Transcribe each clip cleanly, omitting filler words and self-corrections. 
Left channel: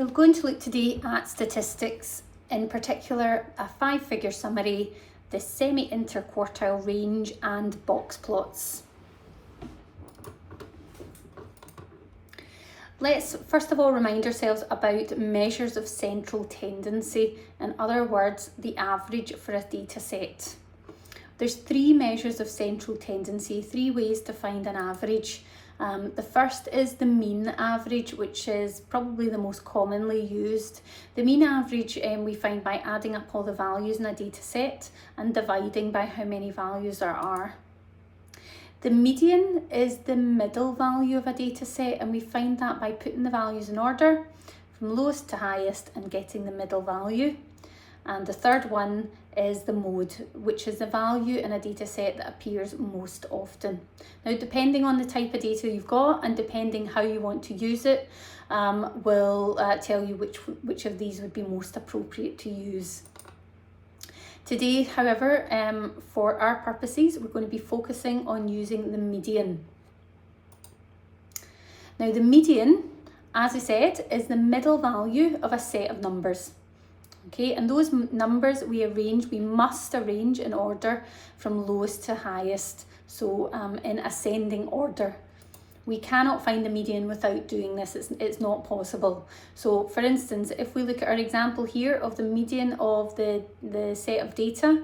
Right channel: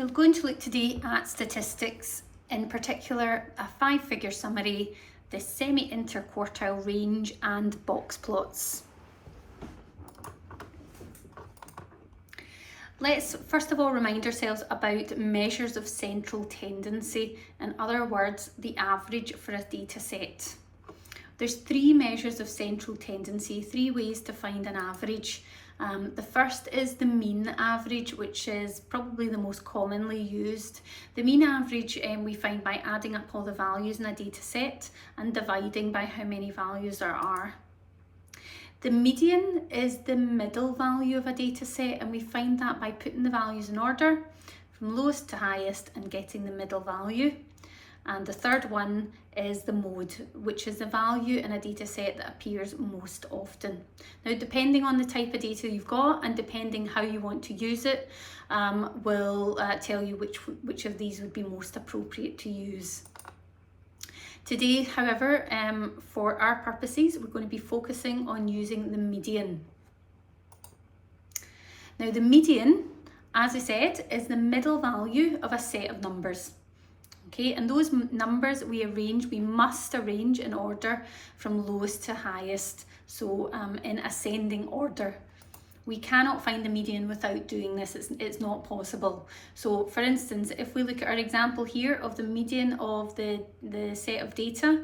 We're going to look today at statistics, in particular a 5-figure summary, the semi-interquartile range and box plots. Let's first of all remind ourselves about measures of central tendency, in other words, the average for a data set. There's 3 measures of central tendency, 3 ways to find an average. The first is the mean average, which is probably the most commonly used. The mean average we find by adding up all the values in a data set and dividing by how many values there are. The median is the middle value of a data set, and we find that by putting the values in order from lowest to highest and getting the middle value. And the third one is the mode, which is the value in a data set that appears most often. Now, depending on the type of data you've got and depending how you want to use it, will tell you which of these would be most appropriate to use. Today, however, for our purposes, we're going to be focusing on using the median. Now, the median, as I said, is the middle value of a set of numbers. Okay, and those numbers we must arrange in order from lowest to highest, so in ascending order. We cannot find the median without doing this, it's not possible. So for instance, if we look at our example here of the median of the set of data,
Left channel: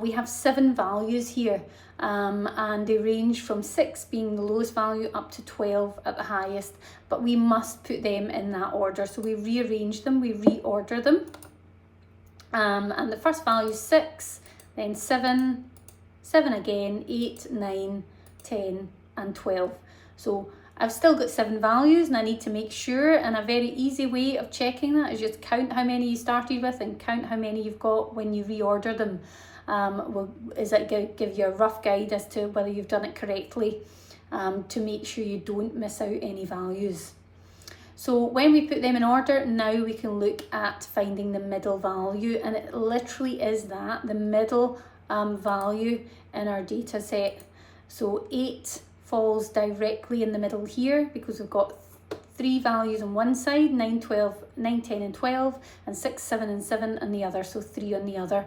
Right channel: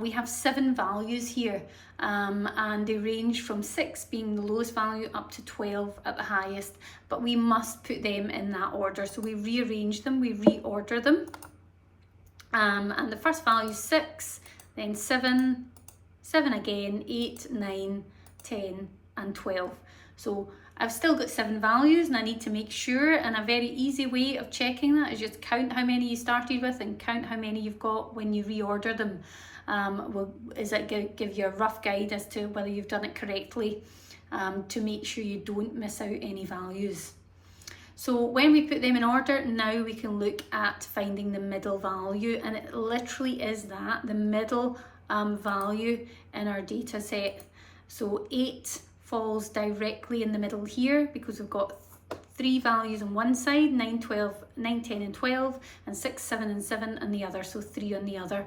we have 7 values here, and they range from 6 being the lowest value up to 12 at the highest, but we must put them in that order. So we rearrange them, we reorder them. And the first value is 6, then 7, 7 again, 8, 9, 10 and 12. So I've still got 7 values and I need to make sure, and a very easy way of checking that is just count how many you started with and count how many you've got when you reorder them. Is that give you a rough guide as to whether you've done it correctly, to make sure you don't miss out any values. So when we put them in order, now we can look at finding the middle value, and it literally is that, the middle value in our data set. So 8 falls directly in the middle here because we've got 3 values on one side, 9, 10 and 12, and 6, 7 and 7 on the other, so 3 on the other,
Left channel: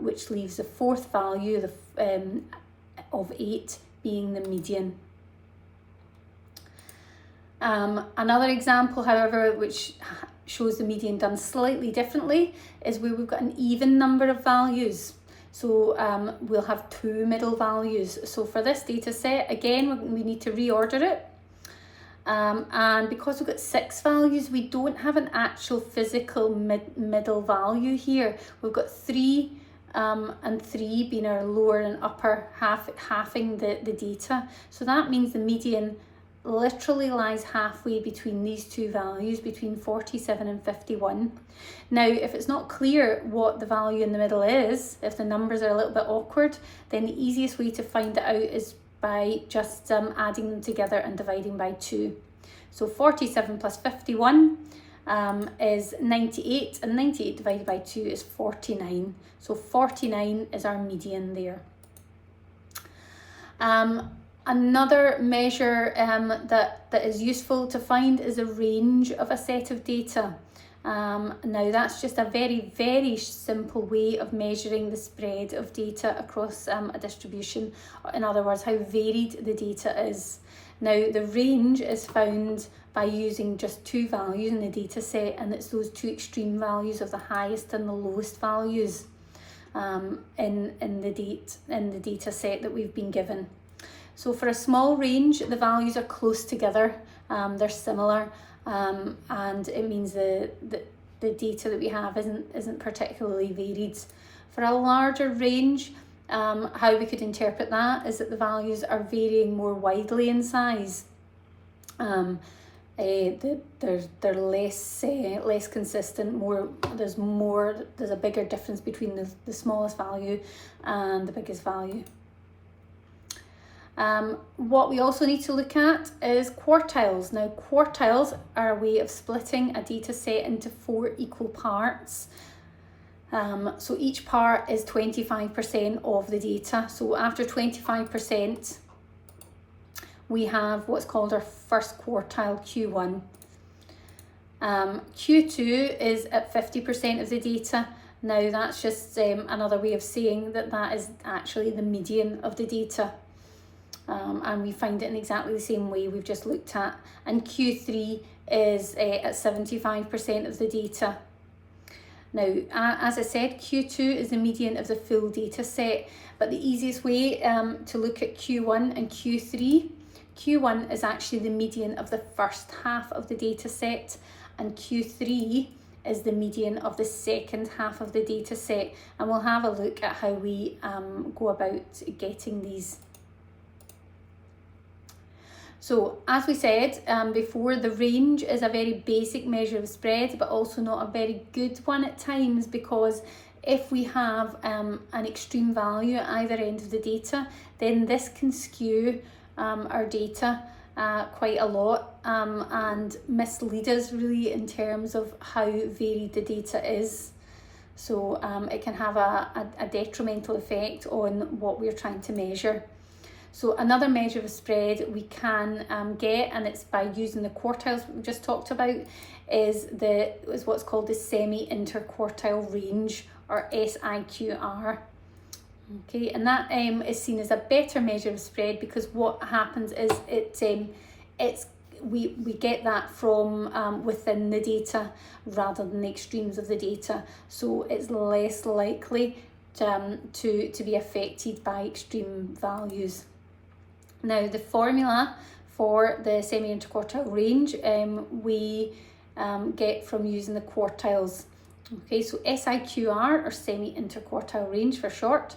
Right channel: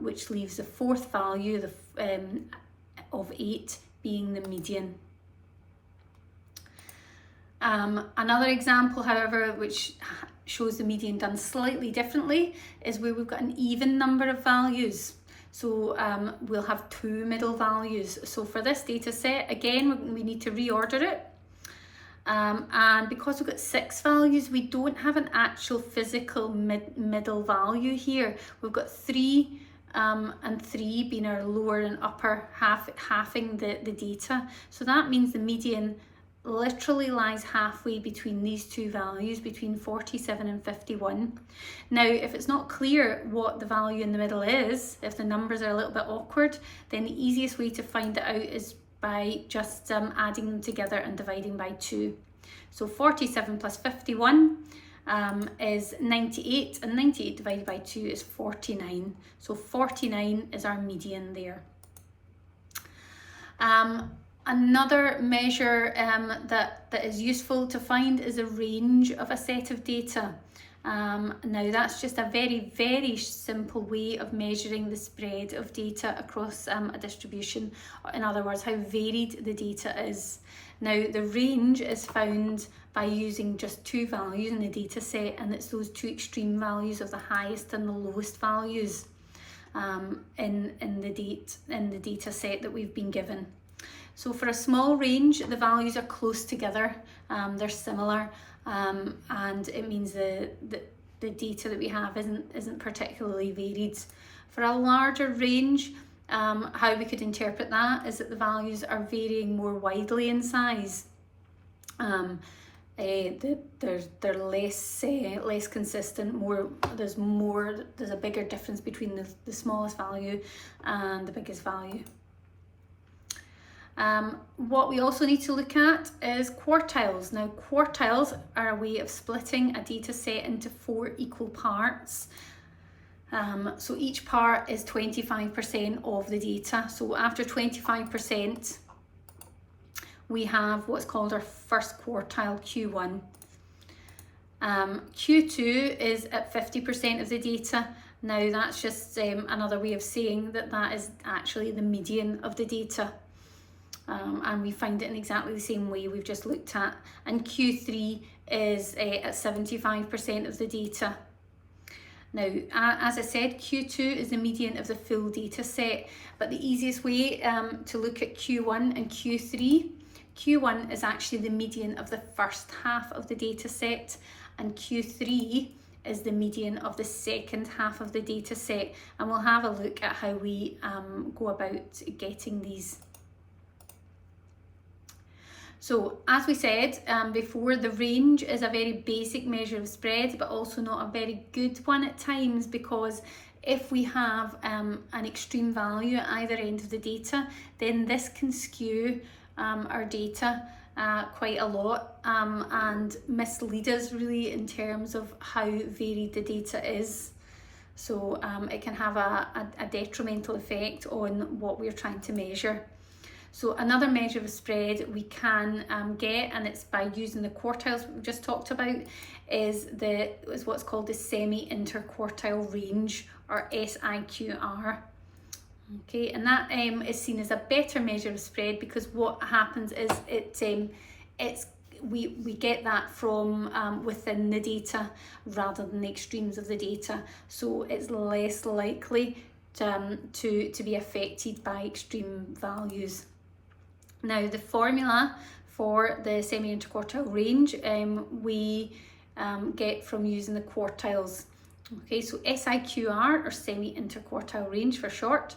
which leaves the 4th value of 8 being the median. Another example, however, which shows the median done slightly differently, is where we've got an even number of values. So we'll have 2 middle values. So for this data set, again, we need to reorder it. And because we've got 6 values, we don't have an actual physical middle value here. We've got 3 and 3 being our lower and upper halving the data. So that means the median literally lies halfway between these 2 values, between 47 and 51. Now, if it's not clear what the value in the middle is, if the numbers are a little bit awkward, then the easiest way to find it out is by just adding them together and dividing by 2. So 47 plus 51 is 98, and 98 divided by 2 is 49. So 49 is our median there. Another measure that is useful to find is a range of a set of data. Now that's just a very, very simple way of measuring the spread of data across a distribution. In other words, how varied the data is. Now the range is found by using just 2 values in the data set, and it's those 2 extreme values of the highest and the lowest values in the data set that we've been given. So for a small range, the values are close together, they're similar, and it means the data that we have isn't particularly varied. For a larger range, how we could interpret that is that the values are varying more widely in size. They're less consistent. There's a bigger difference between the smallest value and the biggest value. What we also need to look at is quartiles. Now, quartiles are a way of splitting a data set into 4 equal parts. So each part is 25% of the data. So after 25%, we have what's called our first quartile, Q1. Q2 is at 50% of the data. Now that's just another way of saying that that is actually the median of the data. And we find it in exactly the same way we've just looked at. And Q3 is at 75% of the data. Now, as I said, Q2 is the median of the full data set, but the easiest way to look at Q1 and Q3, Q1 is actually the median of the first half of the data set, and Q3 is the median of the second half of the data set. And we'll have a look at how we go about getting these. So as we said before, the range is a very basic measure of spread, but also not a very good one at times, because if we have an extreme value at either end of the data, then this can skew our data quite a lot and mislead us really in terms of how varied the data is. So it can have a detrimental effect on what we're trying to measure. So another measure of spread we can get, and it's by using the quartiles we just talked about, is what's called the semi-interquartile range, or SIQR. Okay, and that is seen as a better measure of spread, because what happens is we get that from within the data rather than the extremes of the data, so it's less likely to be affected by extreme values. Now, the formula for the semi-interquartile range we get from using the quartiles. Okay, so SIQR, or semi-interquartile range for short,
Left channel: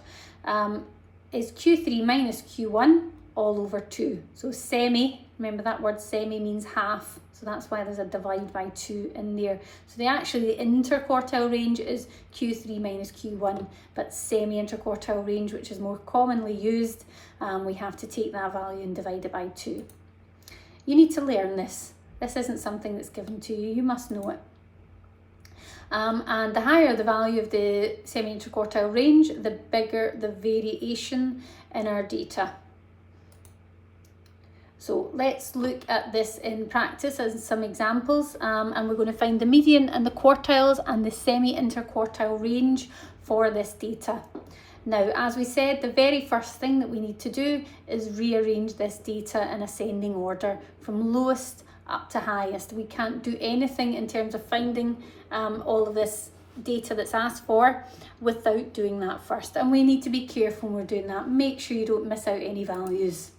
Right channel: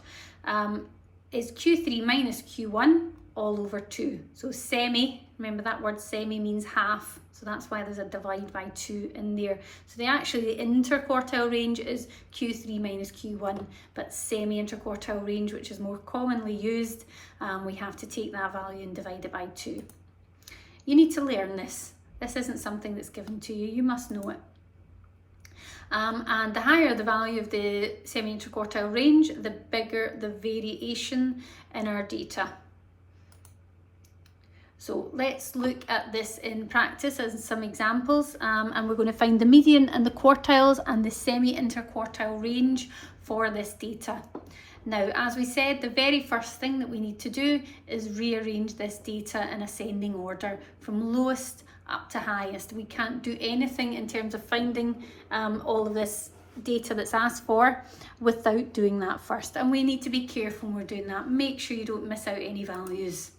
is Q3 minus Q1 all over 2. So semi, remember that word semi means half, so that's why there's a divide by 2 in there. So the interquartile range is Q3 minus Q1, but semi-interquartile range, which is more commonly used, we have to take that value and divide it by 2. You need to learn this. This isn't something that's given to you, you must know it. And the higher the value of the semi-interquartile range, the bigger the variation in our data. So let's look at this in practice as some examples, and we're going to find the median and the quartiles and the semi-interquartile range for this data. Now, as we said, the very first thing that we need to do is rearrange this data in ascending order from lowest up to highest. We can't do anything in terms of finding all of this data that's asked for without doing that first, and we need to be careful when we're doing that. Make sure you don't miss out any values.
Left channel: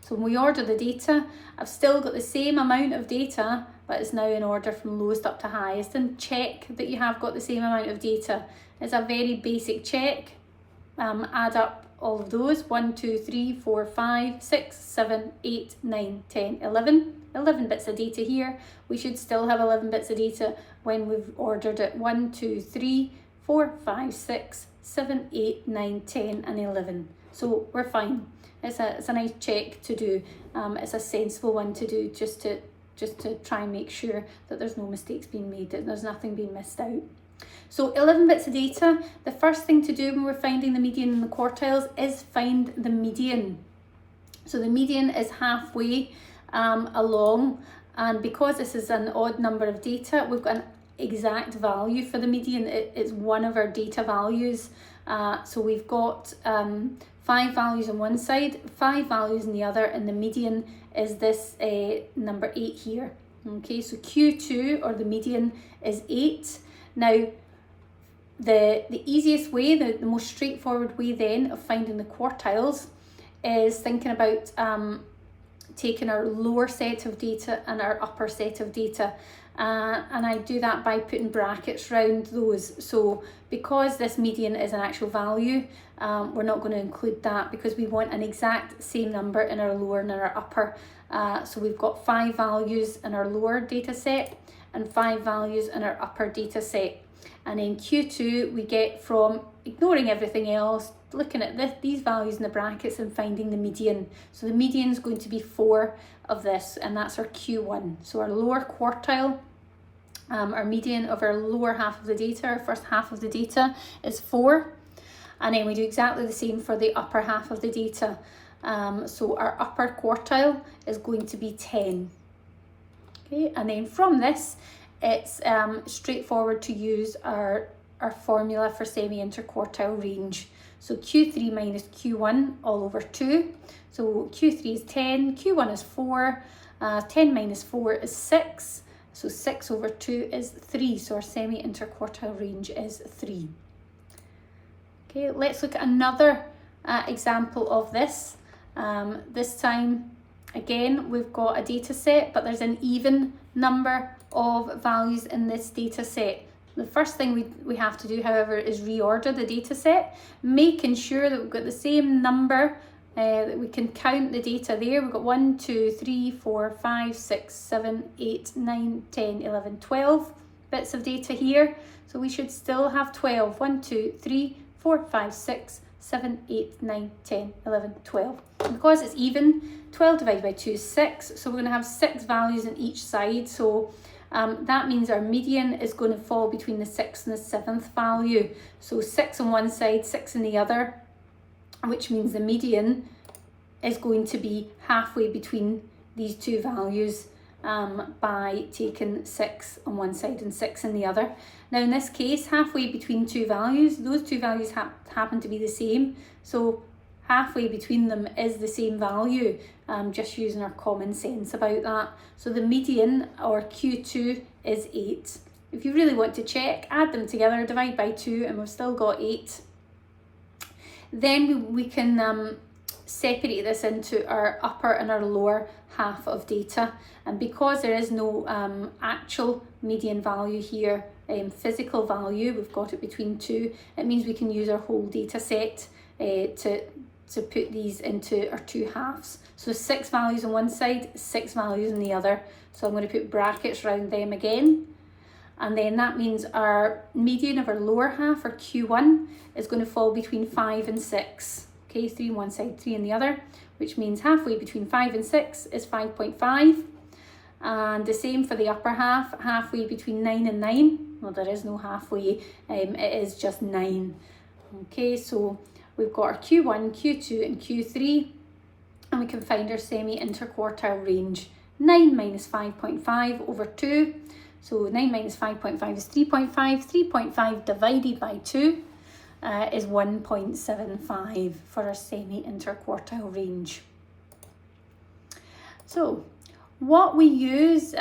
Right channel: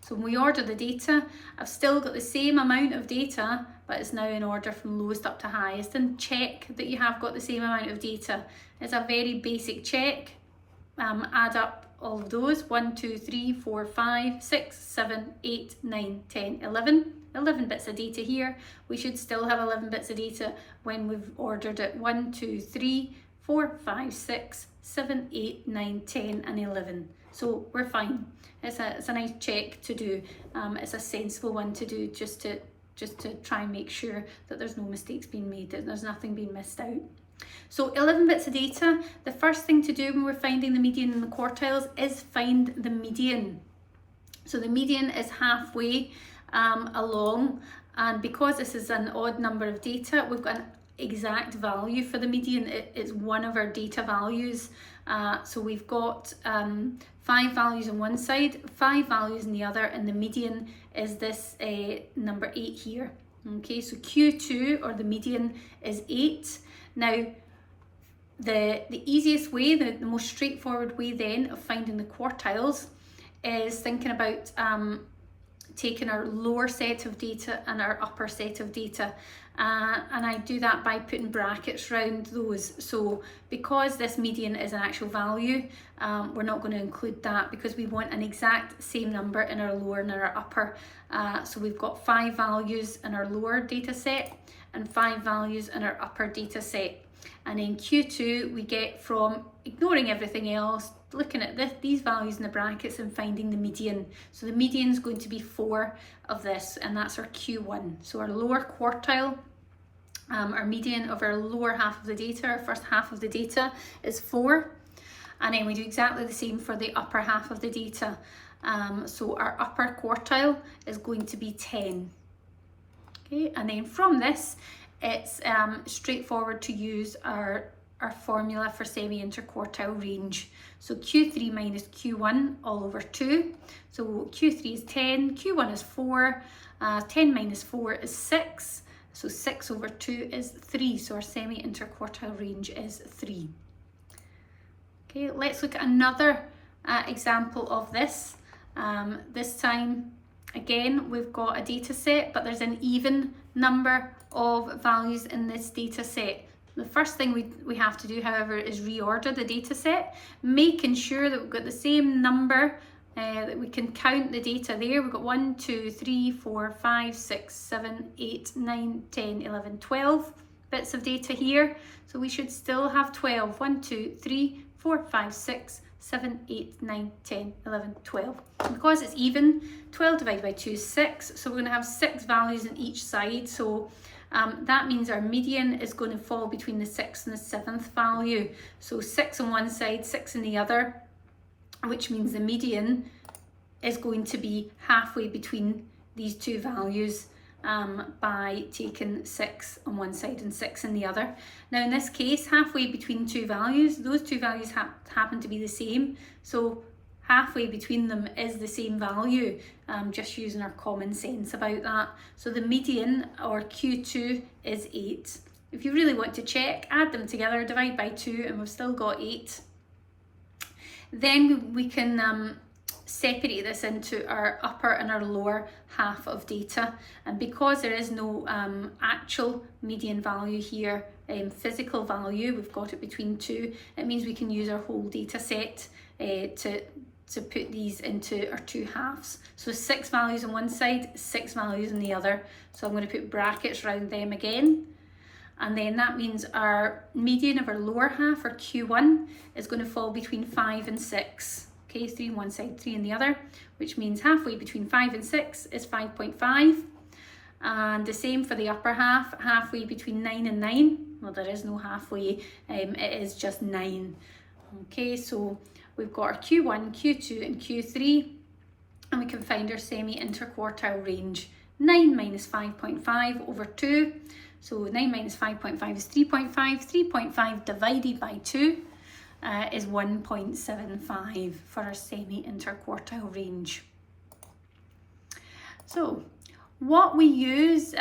So when we order the data, I've still got the same amount of data, but it's now in order from lowest up to highest, and check that you have got the same amount of data. It's a very basic check. Add up all of those: 1, 2, 3, 4, 5, 6, 7, 8, 9, 10, 11. 11 bits of data here. We should still have 11 bits of data when we've ordered it. 1, 2, 3, 4, 5, 6, 7, 8, 9, 10 and 11. So we're fine. It's a nice check to do. It's a sensible one to do, just to try and make sure that there's no mistakes being made, that there's nothing being missed out. So 11 bits of data. The first thing to do when we're finding the median and the quartiles is find the median. So the median is halfway along, and because this is an odd number of data, we've got an exact value for the median. It's one of our data values. So we've got 5 values on one side, 5 values on the other, and the median is this number 8 here. Okay, so Q2, or the median, is 8. Now, the easiest way, the most straightforward way then of finding the quartiles is thinking about taking our lower set of data and our upper set of data, and I do that by putting brackets around those. So because this median is an actual value, we're not going to include that, because we want an exact same number in our lower and our upper. So we've got 5 values in our lower data set and 5 values in our upper data set. And then Q2 we get from ignoring everything else, looking at these values in the brackets and finding the median. So the median is going to be 4 of this, and that's our Q1. So our lower quartile, our median of our lower half of the data, our first half of the data, is 4. And then we do exactly the same for the upper half of the data. So our upper quartile is going to be 10. Okay, and then from this, it's straightforward to use our formula for semi-interquartile range. So Q3 minus Q1 all over 2. So Q3 is 10, Q1 is 4, 10 minus 4 is 6. So 6 over 2 is 3. So our semi-interquartile range is 3. Okay, let's look at another example of this. This time, again, we've got a data set, but there's an even number of values in this data set. The first thing we have to do, however, is reorder the data set, making sure that we've got the same number, that we can count the data there. We've got 1, 2, 3, 4, 5, 6, 7, 8, 9, 10, 11, 12 bits of data here. So we should still have 12. 1, 2, 3, 4, 5, 6, 7, 8, 9, 10, 11, 12. And because it's even, 12 divided by 2 is 6. So we're going to have 6 values on each side. So that means our median is going to fall between the 6th and the 7th value. So 6 on one side, 6 on the other, which means the median is going to be halfway between these two values by taking 6 on one side and 6 on the other. Now in this case, halfway between two values, those two values happen to be the same. So halfway between them is the same value, just using our common sense about that. So the median, or Q2, is 8. If you really want to check, add them together, divide by 2, and we've still got 8. Then we can separate this into our upper and our lower half of data. And because there is no actual median value here, physical value, we've got it between 2, it means we can use our whole data set to put these into our two halves. So 6 values on one side, 6 values on the other. So I'm going to put brackets around them again. And then that means our median of our lower half, or Q1, is going to fall between 5 and 6. Okay, 3 on one side, 3 on the other, which means halfway between 5 and 6 is 5.5. And the same for the upper half, halfway between 9 and 9. Well, there is no halfway, it is just 9. Okay, so we've got our Q1, Q2 and Q3, and we can find our semi-interquartile range. 9 minus 5.5 over 2. So 9 minus 5.5 is 3.5. 3.5 divided by 2 is 1.75 for our semi-interquartile range. So what we use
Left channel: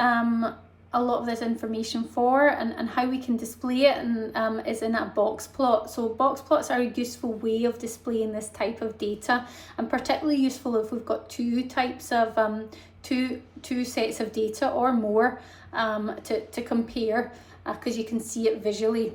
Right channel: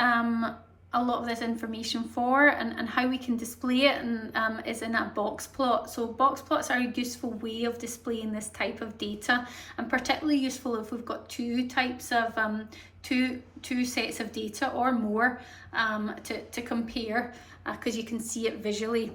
a lot of this information for, and how we can display it, and is in a box plot. So box plots are a useful way of displaying this type of data, and particularly useful if we've got two types of two sets of data or more to compare, because you can see it visually.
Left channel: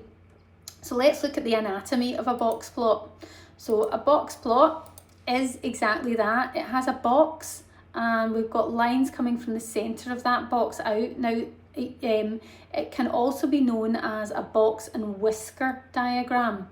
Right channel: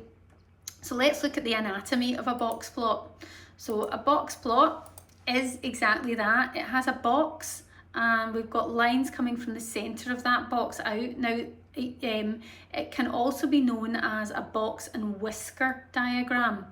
So let's look at the anatomy of a box plot. So a box plot is exactly that. It has a box, and we've got lines coming from the center of that box out. Now it can also be known as a box and whisker diagram,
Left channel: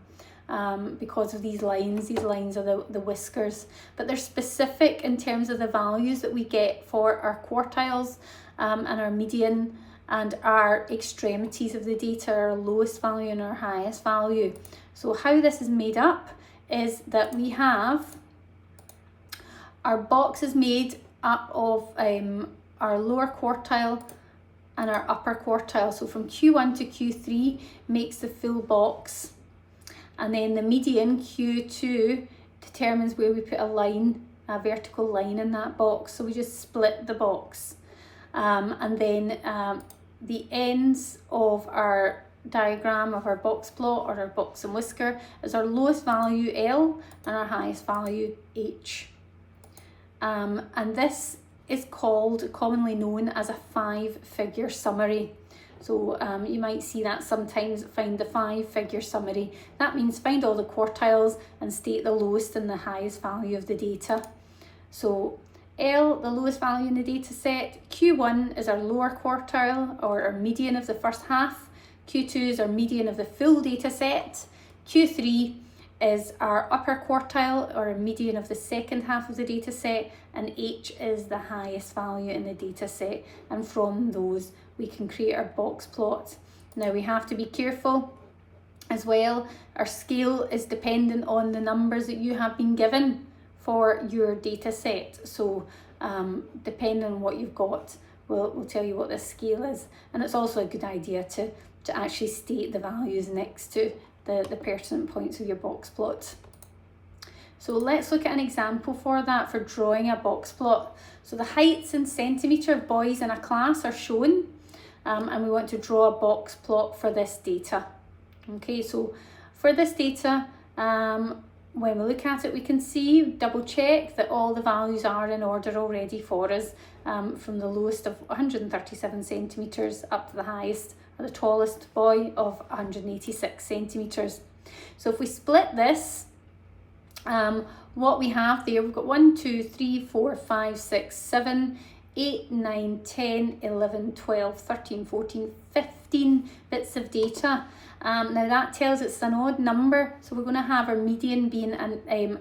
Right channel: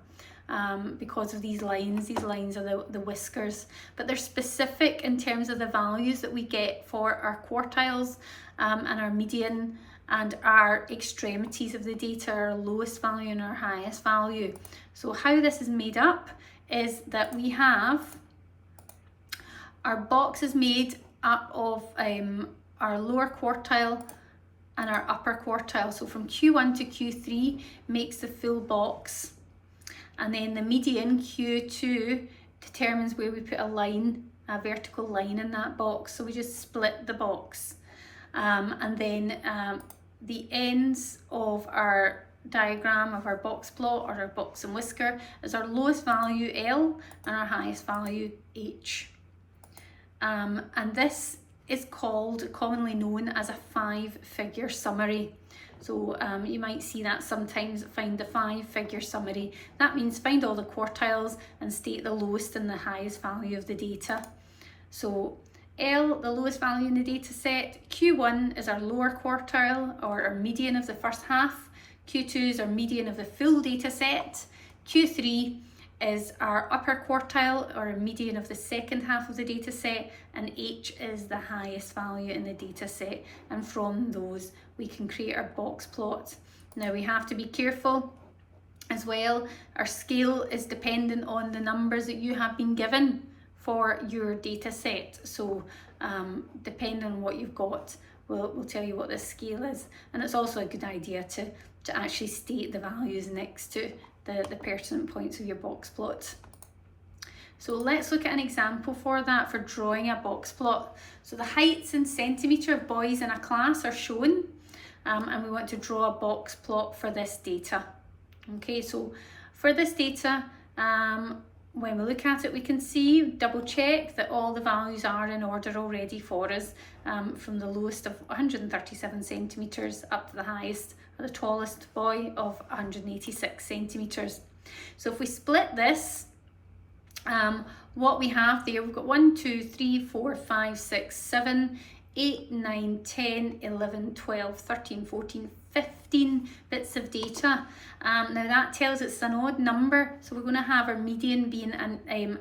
because of these lines. These lines are the whiskers, but they're specific in terms of the values that we get for our quartiles, and our median, and our extremities of the data, our lowest value and our highest value. So how this is made up is that we have our box is made up of our lower quartile and our upper quartile. So from Q1 to Q3 makes the full box, and then the median, Q2, determines where we put a line, a vertical line in that box. So we just split the box, and then the ends of our diagram of our box plot, or our box and whisker, is our lowest value L and our highest value H. And this is commonly known as a 5-figure summary. So you might see that sometimes, find the 5-figure summary. That means find all the quartiles and state the lowest and the highest value of the data. So L, the lowest value in the data set. Q1 is our lower quartile, or our median of the first half. Q2 is our median of the full data set. Q3 is our upper quartile, or a median of the second half of the data set, and H is the highest value in the data set, and from those we can create our box plot. Now we have to be careful as well. Our scale is dependent on the numbers that you have been given for your data set, so depending on what you've got will tell you what this scale is. And it's also a good idea to actually state the values next to the pertinent points of your box plot. So let's look at an example for that, for drawing a box plot. So the heights in centimetre of boys in a class are shown, and we want to draw a box plot for this data. Okay, so for this data, when we look at it, we can see, double check that all the values are in order already for us, from the lowest of 137 centimetres up to the highest, or the tallest boy of 186 centimetres. So if we split this, what we have there, we've got 1, 2, 3, 4, 5, 6, 7, 8, 9, 10, 11, 12, 13, 14, 15 bits of data. Now that tells it's an odd number, so we're going to have our median being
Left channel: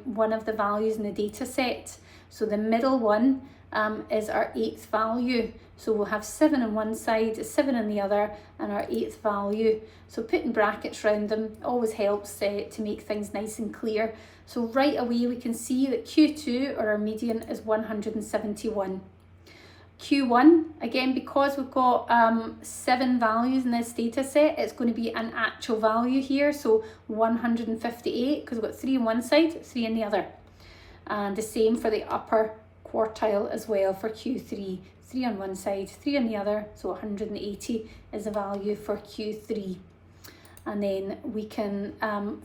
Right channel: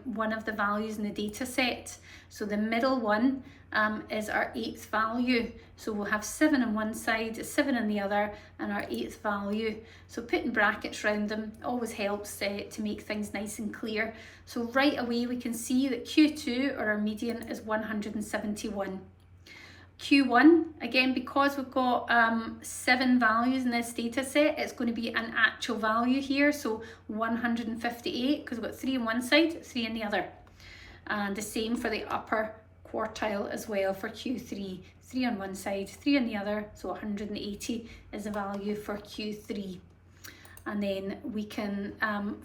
one of the values in the data set. So the middle one is our 8th value. So we'll have 7 on one side, 7 on the other, and our 8th value. So putting brackets around them always helps to make things nice and clear. So right away we can see that Q2, or our median, is 171. Q1, again, because we've got 7 values in this data set, it's going to be an actual value here, so 158, because we've got 3 on one side, 3 on the other. And the same for the upper quartile as well for Q3, 3 on one side, 3 on the other, so 180 is the value for Q3. And then we can,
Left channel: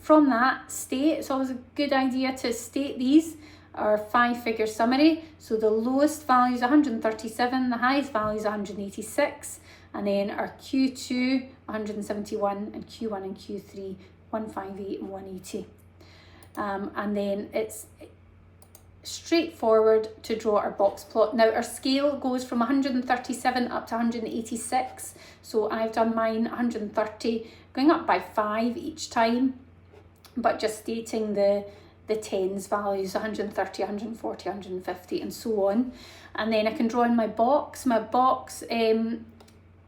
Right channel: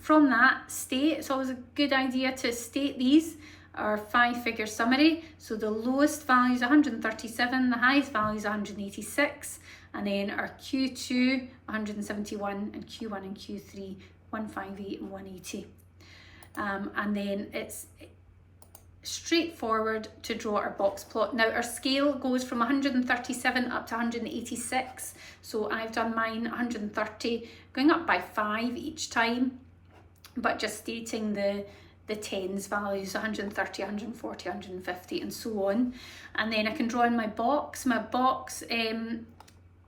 from that, state, it's always a good idea to state these, our 5-figure summary. So the lowest value is 137, the highest value is 186, and then our Q2, 171, and Q1 and Q3, 158 and 180. And then it's straightforward to draw our box plot. Now our scale goes from 137 up to 186, so I've done mine 130, going up by 5 each time, but just stating the tens values, 130, 140, 150 and so on. And then I can draw in my box. My box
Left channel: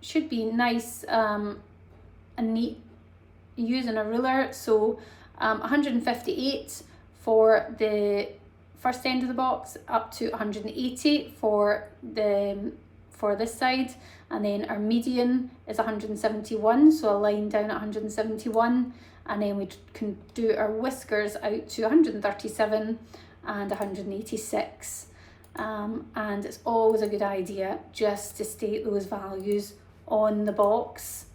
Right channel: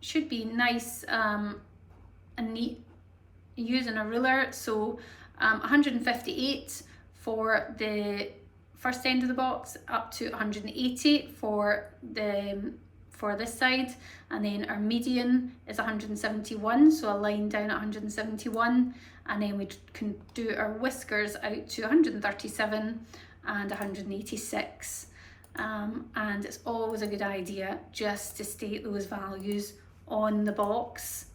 should be nice and neat using a ruler. So 158 for the first end of the box, up to 180 for this side, and then our median is 171, so a line down at 171, and then we can do our whiskers out to 137 and 186. And it's always a good idea just to state those values on the box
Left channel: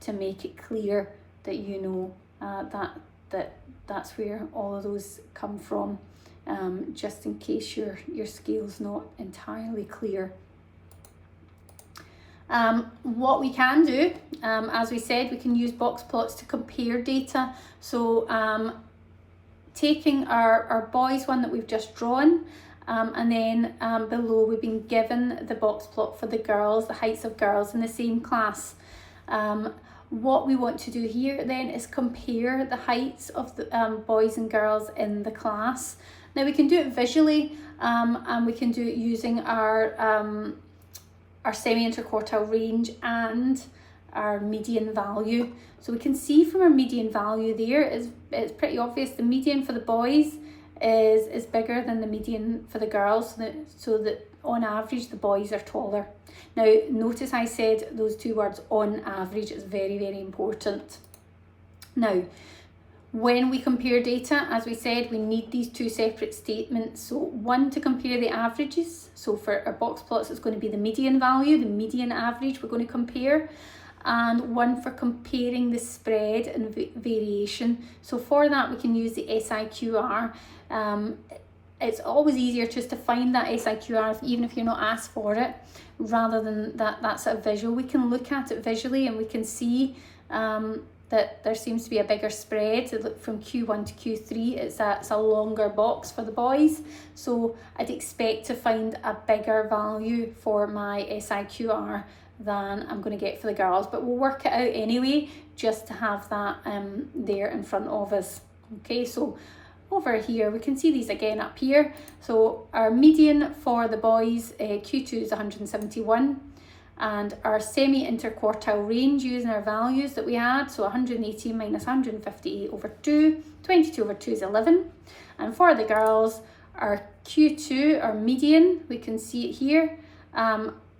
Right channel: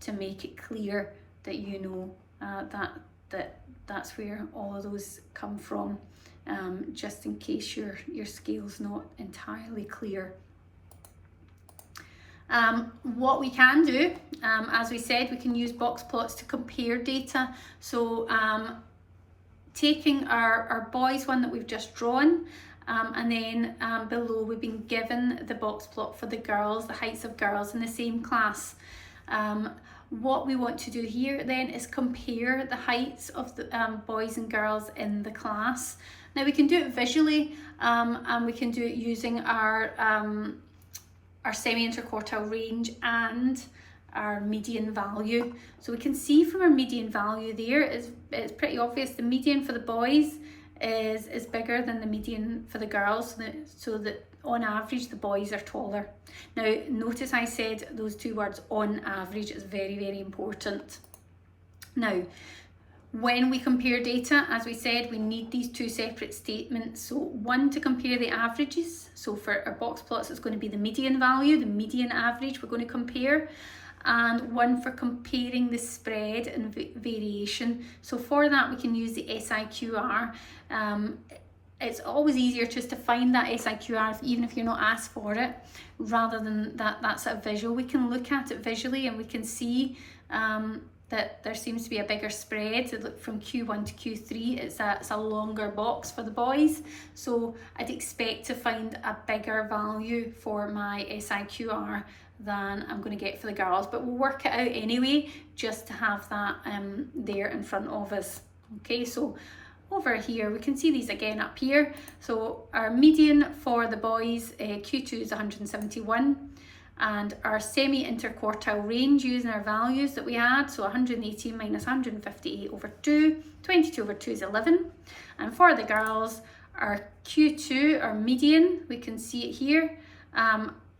to make it clear that you know that's where all of those come from, just in case your scale's not entirely clear. What we can do, as we said, we can use box plots to compare data. So taking our boys one that we've just drawn, and then below we've been given the box plot for the girls, the heights of girls in the same class. What we want to do here then is compare the heights of the boys and girls in the class. Now we can do it visually, and we can do it using our semi-interquartile range and our median value. So we can see from our median value there, it's pretty obvious the median for the boys is bigger than the median for the girls, so that on average the boys are taller. Now notice I said those two words, on average. Is very, very important. Now when we compare data, as we said, we need these two separate statements. So one to compare the averages. So for our box plots, it's going to be the median value, the median average we're going to compare. And one for comparing the spread and variation. So for that, we can use the SIQR. It's always easier just to find that SIQR, even if you're not asked for it, rather than that's a visual. We can look at it visually and we can see that there seems to be a bigger spread. Look, from Q1 to Q3, it's a longer box for the boys. So I'd expect to find a bigger value for my SIQR than I'm going to get for the girls, but we'll work it out anyway, just to have that there in front of us. Okay, so over here we can see these again up here. So our median for the boys, Q2 is 171, and our semi-interquartile range using our values that we had, so 180 minus 158 over 2, 22 over 2 is 11. And for the girls, our Q2, our median, we can see it here,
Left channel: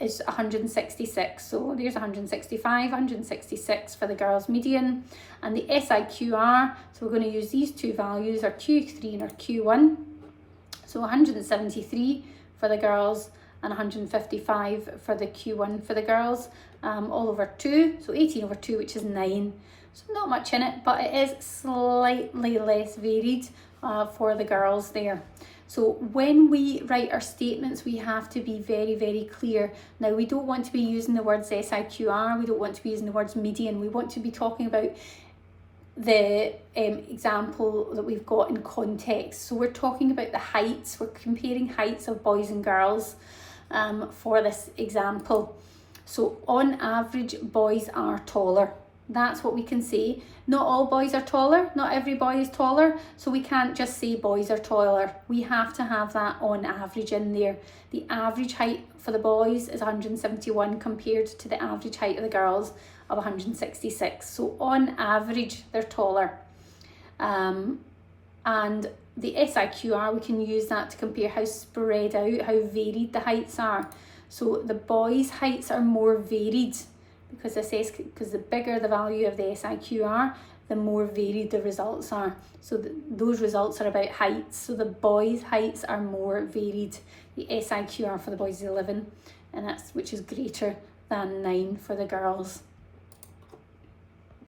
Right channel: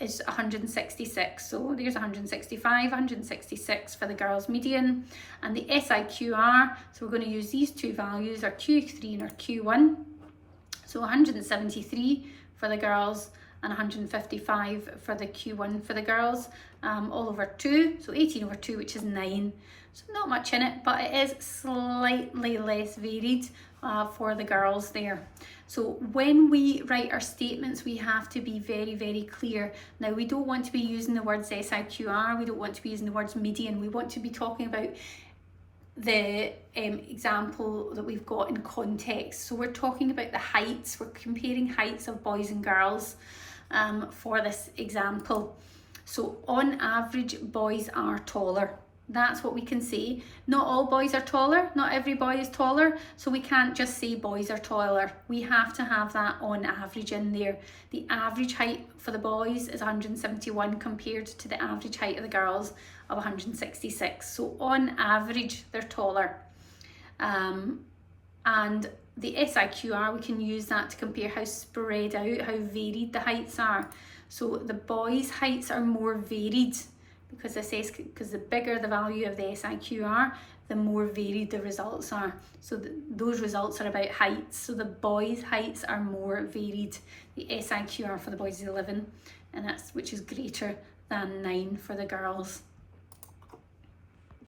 is 166. So there's 165, 166 for the girls' median. And the SIQR, so we're going to use these two values, our Q3 and our Q1. So 173 for the girls and 155 for the Q1 for the girls, all over 2, so 18 over 2, which is 9. So not much in it, but it is slightly less varied for the girls there. So when we write our statements, we have to be very, very clear. Now, we don't want to be using the words SIQR, we don't want to be using the words median, we want to be talking about the example that we've got in context. So we're talking about the heights, we're comparing heights of boys and girls for this example. So on average, boys are taller. That's what we can say. Not all boys are taller, not every boy is taller, so we can't just say boys are taller. We have to have that on average in there. The average height for the boys is 171 compared to the average height of the girls of 166. So on average, they're taller. And the SIQR, we can use that to compare how spread out, how varied the heights are. So the boys' heights are more varied, because the bigger the value of the SIQR, the more varied the results are. So those results are about heights. So the boys' heights are more varied. The SIQR for the boys is 11, and which is greater than 9 for the girls.